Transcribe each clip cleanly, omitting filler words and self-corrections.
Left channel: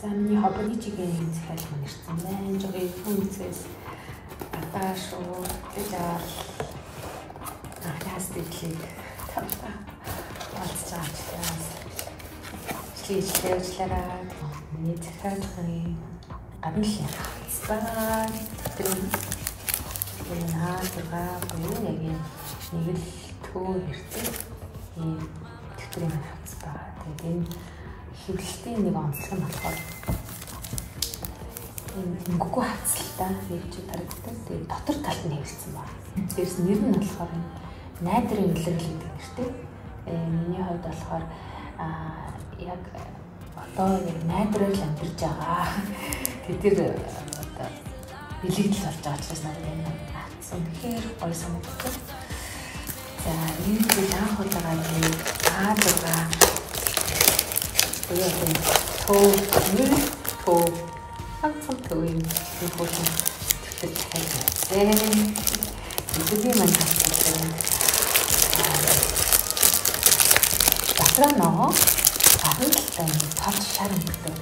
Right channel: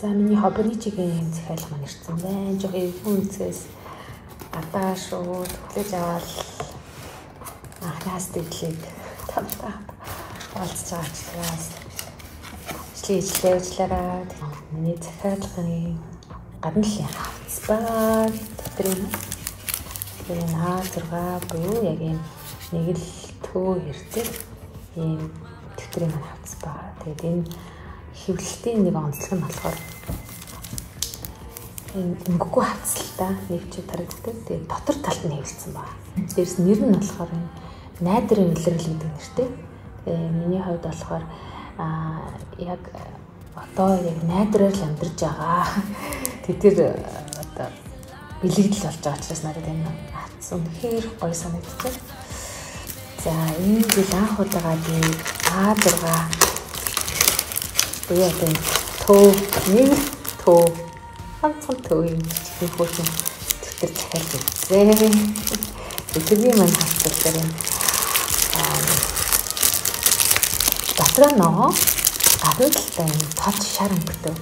За миний хоббоничигийн захиалга нэрсэн байна. Жог эвгүй үнцгээс гадаа шууд хүлээж аваад анхнаас дэглээд тавтаа олцож байгаас шлийжлээвчлээрээ миний захиалгын гадны хавцбаа тэтгэн хаа буюу яг юм нэг л төө хэрдэг ийм тэтгэн хавцбаа. Тэгээд энэ хэвлэлтийн нэг онцлог нь болохоор өнгөгүй хавцлаа нэг ч тарагддаг. Тэгээд дотор талд нь хэвлсэн байна. Дээрс нэр нь болохоор найдрын илэрхийлэл гэдэг нэртэй. Миний хувьд болохоор яг одоо яг найдраар амьдарч байгаа. Тэр одоо бэлэгдэл болж байгаа учраас надад энэ хавц үнэхээр гоё санагдав. За энэ бид анх удаага нэг А6 Яагаад төө нэг төө хамтхан төө юм хөөсөн тэгтэж хэлээ. Бидний мань хэлсэн. Батраа нөө гадуудлаа тод шар өнгөтэй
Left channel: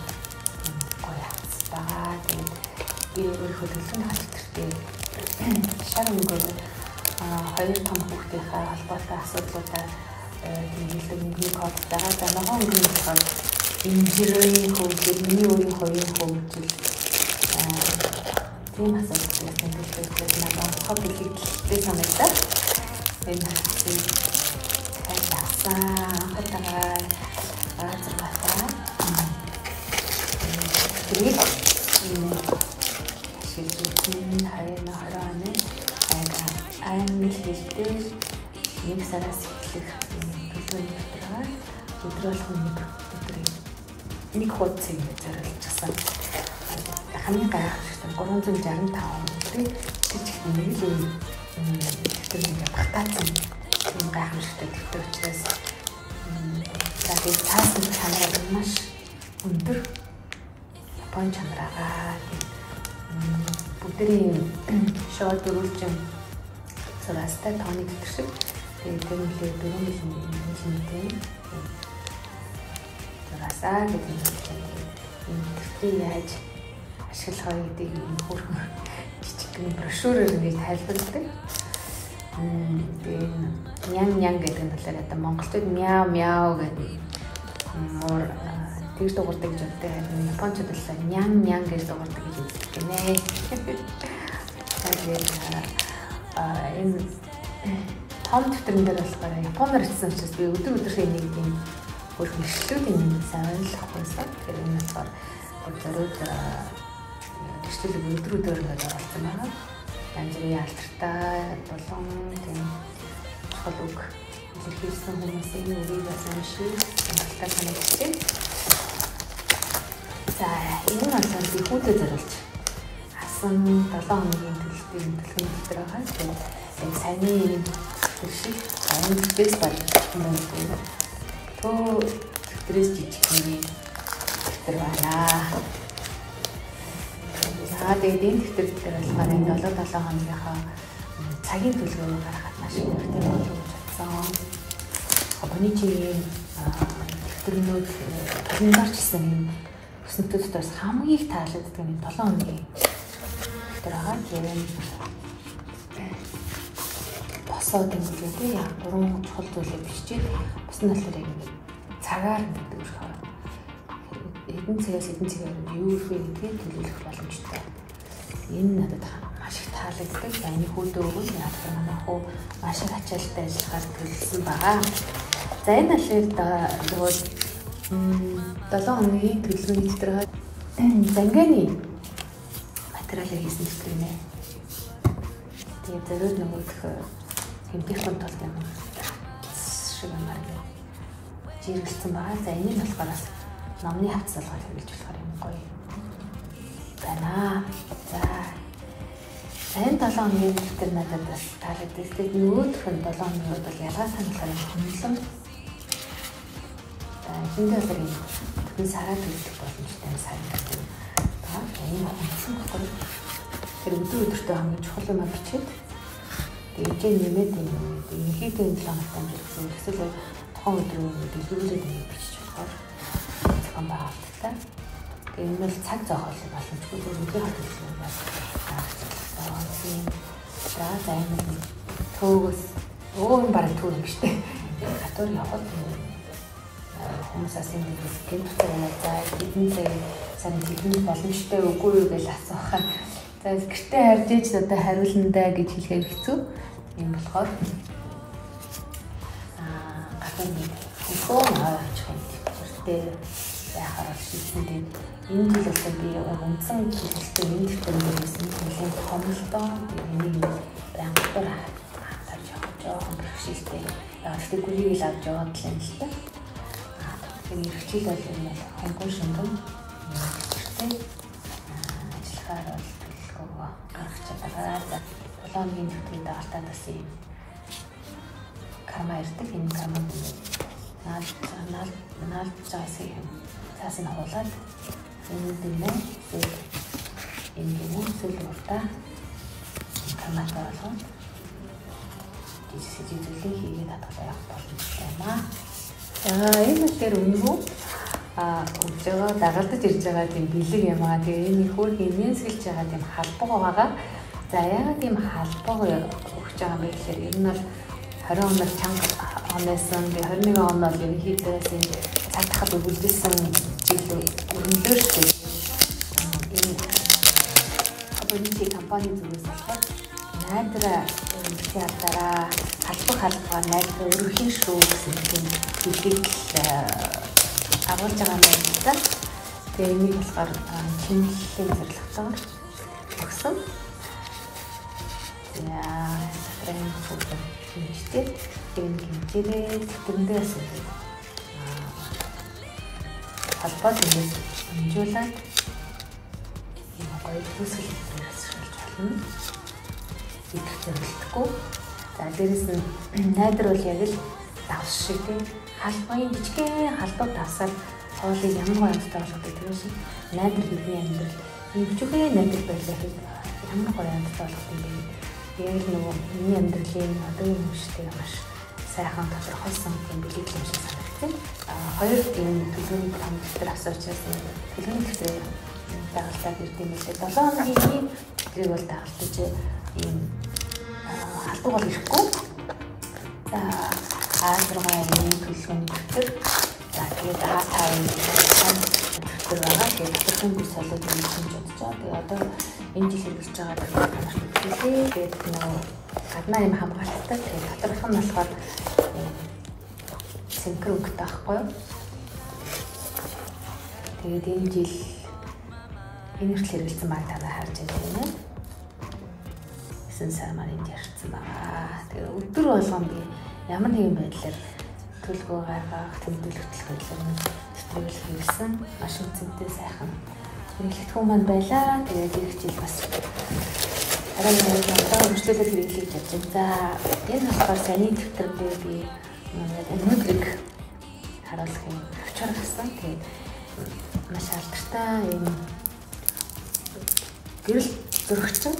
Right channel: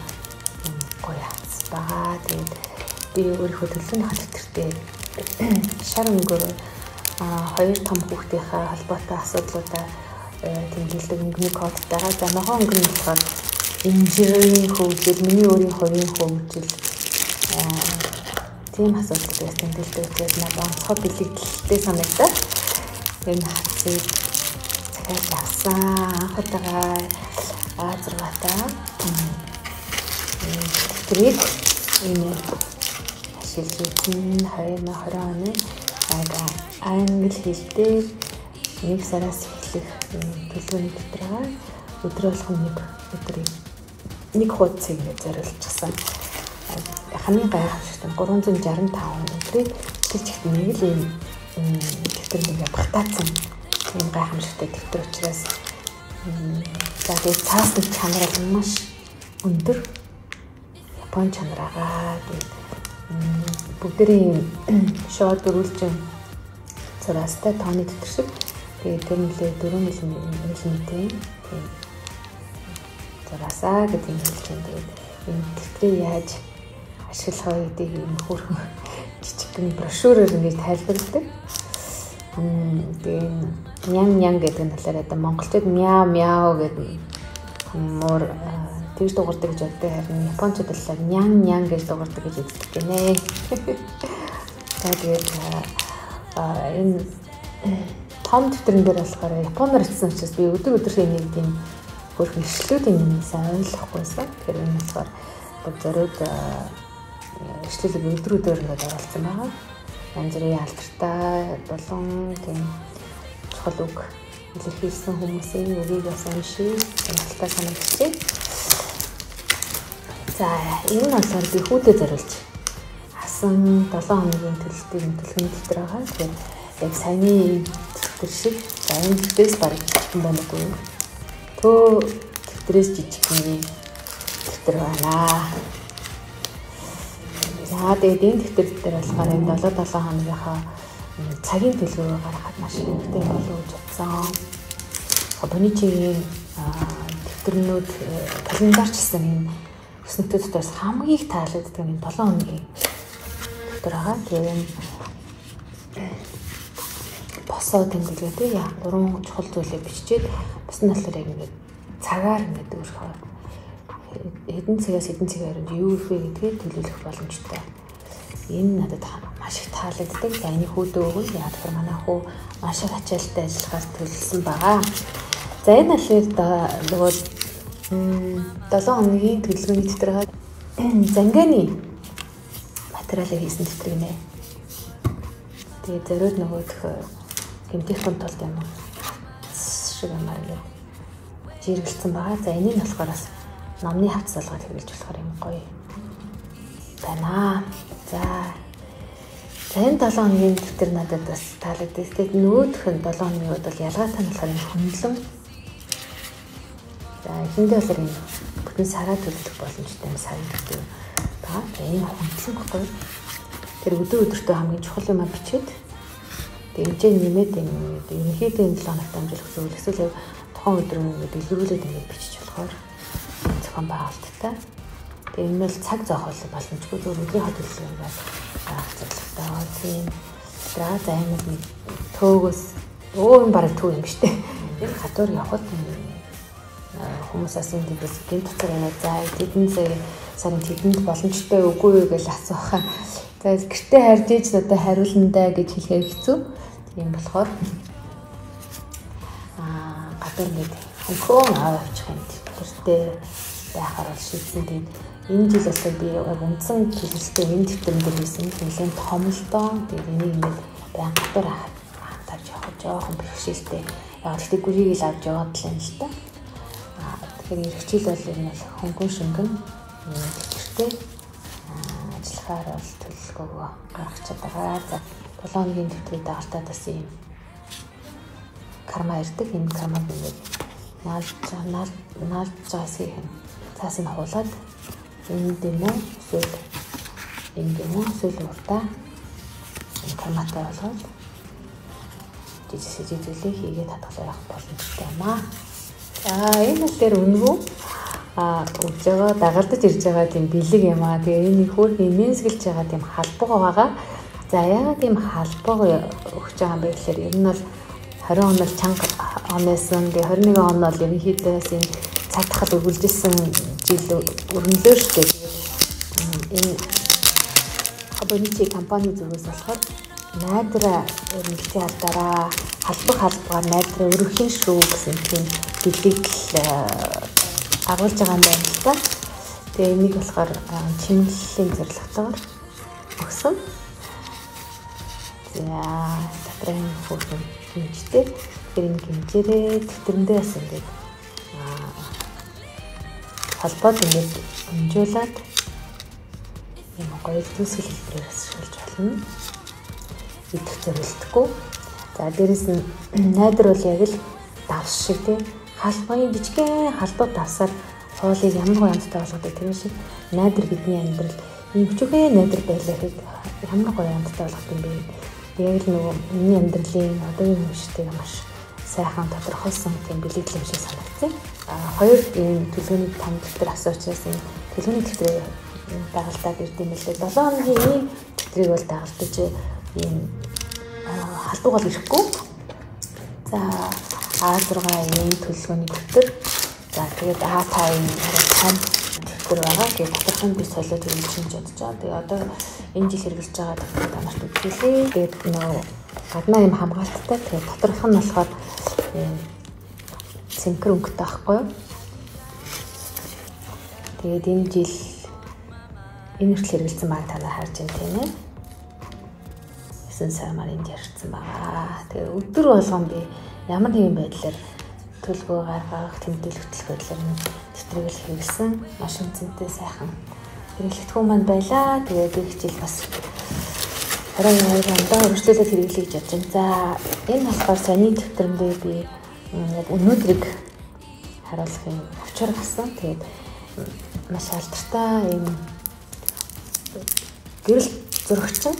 гоё хацбаа. Тэгээд би өөрийнхөө төлөвлөмж хатгэртэй шар өнгөөр хоёр том хүүхдийнхээ холбоотой асуудлуудаа тэмдэглэдэг өнгөний код дараа за ногоон өнгөний болохоор инженерийн хөгжил миний өөрийнхөө хөгжил тийм асуудалтай тэмдэглэдэг нэг онцгой бэлэгдэлтэй санагдаад энэ хацыг авсан анхудаа А6-таа тэрийг энэ шилжүүлсэн 2020 оны англи хэлээр нэг сараас эхлэх төлөвлөгөөний дотроо өдрөөл хүнийг өдрийг нэг хуудсыг зориулчихсан. Хамгийн гайхалтай 365 өдрийг тэр чигт нэг л юм дэвтэр нэг багтаацсан юм гайхамшигтай дэвтэр учраас за тэгээд цаасан чанар маш өндөр бон чанараа бүгдийн шоу дөрвөлжин цаастай тооны дэвтэр шиг тэгээд тэр нэлээ 4 мм зураасаа гэдэг юм чинь энэ дэвтрийг яаж ашиглах вэ гэдэг юм хөрхөн жижигхэн брошюрээр ингэж тайлбарладаг. Тэгээд нян гэдэг нь талаар одоо монголчууд мяу мяу гэдэг мөр тэгж дуурдаг гэж боддог. Харин японочдод талаар нян гэж дуурдаг гэж үздэг гинэ. Тэгээд энэ том дэвтрэн дээр болохоор японоор бичсэн учраас би өдөр нэг юм хөрхөн ишлүүдийн санаалах байсан. Тэр нь болохоор зориуд ишлэлийг өдрүүдээр нэг оруулсан байна. Янз бүрийн алдартай болон тийм чухал үг илэрхийлсэн хүмүүсийн нэрийг бас уншиж сонирхолтой санагдчихэв. За энэ нь болохоор би хүүдэд зориулж авсан 7 хоногийн төлөвлөлтийн дэвтэр байгаа. Тэгээд яг саяны дэвтэр шиг энэ дэвтэрээс баг байна гэдэг. Төө дэвтрээс жижиг нэг дэвтэр байна. За тэгээд энэ дэвтэр дээр болохоор энэ 7 хоногийнхаа цагийн төлөвөө гаргахад маш хэрэгтэй болов гэж бодсон. Хоббоничигийн дэвтэрнүүд календарчсан өснөтөд бас хамгийн их таалагддаг энэ 7 хоногийн дэвтэр байгаа. Тэгээд босоод ингээд яг 3 чухал зүйлийг биччихээд бас нь болохоор яг ингээд цагаар ингээд өөрөөр хэдэн цагаас хэдэн цагаар юу их вэ гэдгийг төлөвлөх боломжтой. Энэ надад маш их таалагддаг. Яны хүүдөө өгвөл яг тэр манай хүү маш их ачаалттай ажиллахаар төлөвлөсөн байгаа. За энэ алхаад нөгөө 7 хоногийн төлөвлөгөөний дэвтэр занганы материалыг хийсэн дэвтэр нэ. Тэгээд зориуд нөгөөх гэмтээхэн тулд юм шиг юм аа жиргэлсэн байгаа. За энийг болохоор бас номны хавц салгал хэрэглэж болохоор юм гоё байна. За энэ 7 хоногийн дэвтэр надад бас таалагддаг. Тэгээд нөгөөх нь 7 хоногуд бол ялгаатай нь болохоор хөндлөн. За эхэндээ бол энэ бүтэн сараа төлөх боломжтой сарын дэвтэр байна. Энэ хөндлөн баггүй. Тэр өдөртөө хамгийн чухал юм бичээд дэмжээ нэмээд ерөнхийдөө энэ 7 хоногт амжилттай гэсэн эсвэл тухайн өдрийн дэлгэрүүлээд ингэж бичиж болохоор зохион байгуулалттай Тэгээ энэ бол цаг зоохол боломжгүй зөвхөн хөдөлгөөн юм. За энэ төөгөөс өөм бараг төв юм шүү дээ. Хатуур явхад хүмүүсээс энэ дэс гинттэй за тэдэн сарын тэдэнд боломжтой үгүй юу гэж асуухаа. За гэртээ харж иж одоо хариулна даа гэж хэлэхээр хэцүү. Тийм болохоор гадуур нэг хөө аваач юм. Гэртээ байхаар бол шийдсэн тийм энэ жил бол би үндсэн хэлэлцээ энэ тэмдэг хийсэн. Нэлээд томлдоо тийм энийг баян гадуур хатаж жоохон бэрхшээлтэй. Яг тэгтээ гүрийг л авч яваад л юм л та. Тэгэхээр эрхчил бол хөнгөн шөнгөн гэртээ ажиллахаар бол төлөвлөгөө гаргаж чадгаа. Тулооногийн төвтэй даалтаа бас юм карма ирдэг. Энэ кармаг наалж байгаасын цаасын хуулаад энэ дэм зүйл урдаа карматай болгоод жижиг зүйлийг хийгээд татгалзах явах боломжтой юм аа. Энэ дээр өнгөө өгж байгаа дагалдаж ирж байгаа тийм бэлэг юм аа. Тэгээ энэ хөөргийн нэмсгэлж байгаа тийм халбаг байгаа. За яагаад тийм халбаг өгч байгаа юм бэ гэхээр энэ бол 20 оноос чанга оноосон. Тэгээ 21 он бол ерөнхийдөө цаатахад өгүүлжсэн жил өрнөлөө шүү дээ. Энэ абонити компани зүгээс болохоор найдраа өрнөлтийн алдараа халбаг найдраа өргөхийн шүү гэсэн тийм бэлгийг агуулж байгаа юм байна л да. Тэгээ энийг болохоор чимэглэлийн зорилготойгоор өгсөн. Яа, энэ фото хийжтэй. Энэ гинжээрээ тэрэндээс ингээд халбаг ингээд хэмжүүлээд юм гоё төсөл хэрэгсүүлж болно. Идэх зорилтгүй. За дээрэс нь найдар бол яг л давс шиг тийм халбагын жижигхэн халбаг давсаар цоолыг ямар гоёмстай болгодог тийм шиг найдар бидний амьдрал ийм бүжихэн найдар байлаа гэхэд ямар гоёмстай болгох юм бэ? Яг л нөгөө миний амьдралын одоогийн хүмүүстэй маш сайхан тодорхойлсон юм бэлэг юм шиг санагдсан. Хоёр энэ төлөвлөгөөний томдтер асуучаас энэ төлөвлөгөөний тэмдэгтрээ дагалдаад ирдэм билээ. 7 хоногийн тэмдэгтрийг бол дагалдаж ийм халбаг бол ирэхгүй. За А6 энэ төлөвлөгөөний тэмдэгтэр за тэгээд А5 тэмдэгтэр байгаа. Тэгээд тэмдэгтэрийн би солиод юм хийж бодож байгаа. Тэгээд одоо энэ жил хэрэгжилж байгаа төлөвлөгөө тэгээд гаднаа юм хамгаалттай. Тэгээд доторх нь болохоор синхрон өнгөтэй байхгүй юу? Тэгээд энэ жил энэ хүртэл хэрэгжилсэн баг та нар харж байна тийм ээ. 9 сар маар энд ярьсан байгаа. Тэгээд өдөр болгон би ямар нэгэн байдлаар төлөвлөгөө гаргах, тэмдэглэх хөтөлбөрлөөр нэвтрүүлэх хэрэгсэн. Маш үнцэнтэй сайхан хэрэглэгдэхүүн маань байлаа. Тэгээд их жил бас өргөжлөлөд хэрэглэж явж байна. За энэ болохоор саяны тэмдэглэлээр би өнөөдрийг харуулахын авчир гасан. Тэгээд маш алдартай юм гэрэл зурагчин.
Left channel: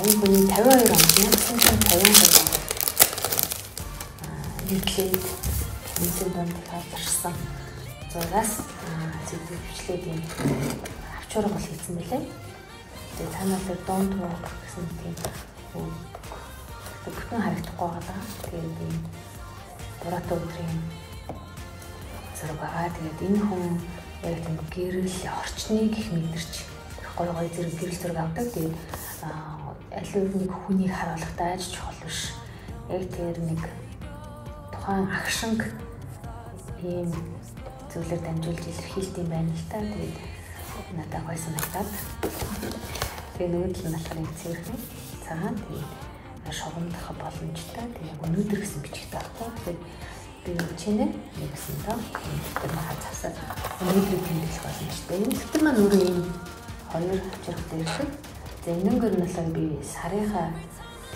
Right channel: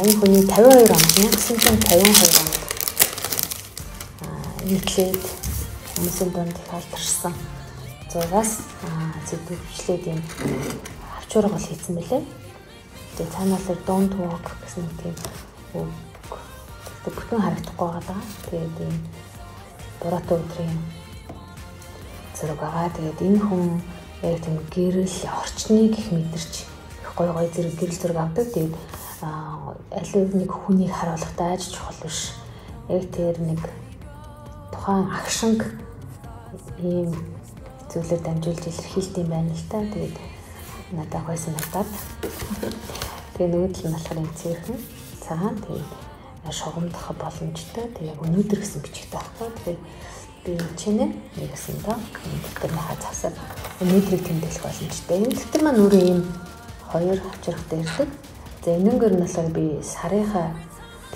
Энэ хүний 52 онд 1952 онд нийтлээд хүмүүсийн дунд их алдарсан зураас зөвлөмжлээд юм авчургал хийсэн байлээ. Тэгээд цаанаасаа дунд туг гэсэн тийм бүтэн харагдахгүй байгаа. Тэгээд ийм дураатай өдрийн зэрэг байгаа. Тэгээд энэ хүн яг тийм гэрэл орчныг их мэдэрч гоё зэрэг гэрэл зэрэг авдаг. Тэгээд аль нэг хүнийг харуулахдаа аж чухал биш. Яг тэр нэг тухайн агшинг ийм зүйлээр дамжуулж илэрхийлт юм байна л та. Тэгээд надад гойсон надад. Тэгээд нөгөөдөл нь болохоор энэ цэвэрхэн цагаан тэгээд шугамдах боломжтой. Тэгээд өнөөдөр гэсэн бичих таахгүй. Тэгээд би чинээ нэгсэн доо тэр хаа цасаад өнөөдрийг тэмдэглэх боломжтой. Энэ дэвтэр маань өөрөө ийм хоёр хүчрхтэй шиг. За энэгээр нь болохоор би сарынхаа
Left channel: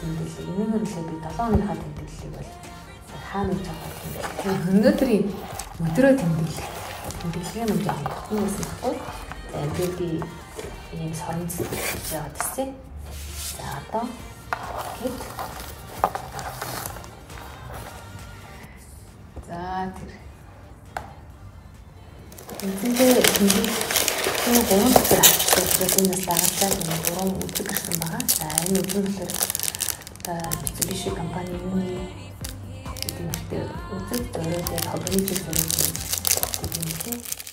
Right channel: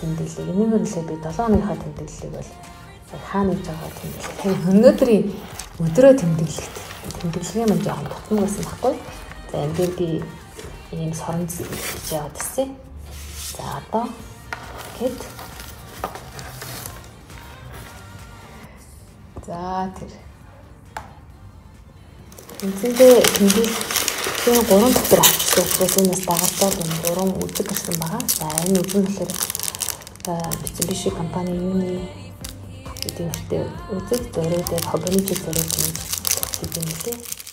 тэмдэглэлийг, энэгээр нь болохоор би 7 оныхаа тэмдэглэлийг бол хаана хийж байгаа тэмдэглэл. Өнөөдрийн өдрөө тэмдэглэлийн маань жоохон тотно байсан баггүй. За энэ дээр би ийм соронц хийж яваад ирсэн. За одоо гэт за тэр Үндсэндээ тэмдэглэлийн 3 дотор авчихсан түүнээс дагаад энэ 3 үзэг гарсан байгаа. За энэ үзэг болохоор Mitsubishi компанийн эдгээртэй үзэг зөрөөд компани зүйл зөрөөд гэдэг юм лээ.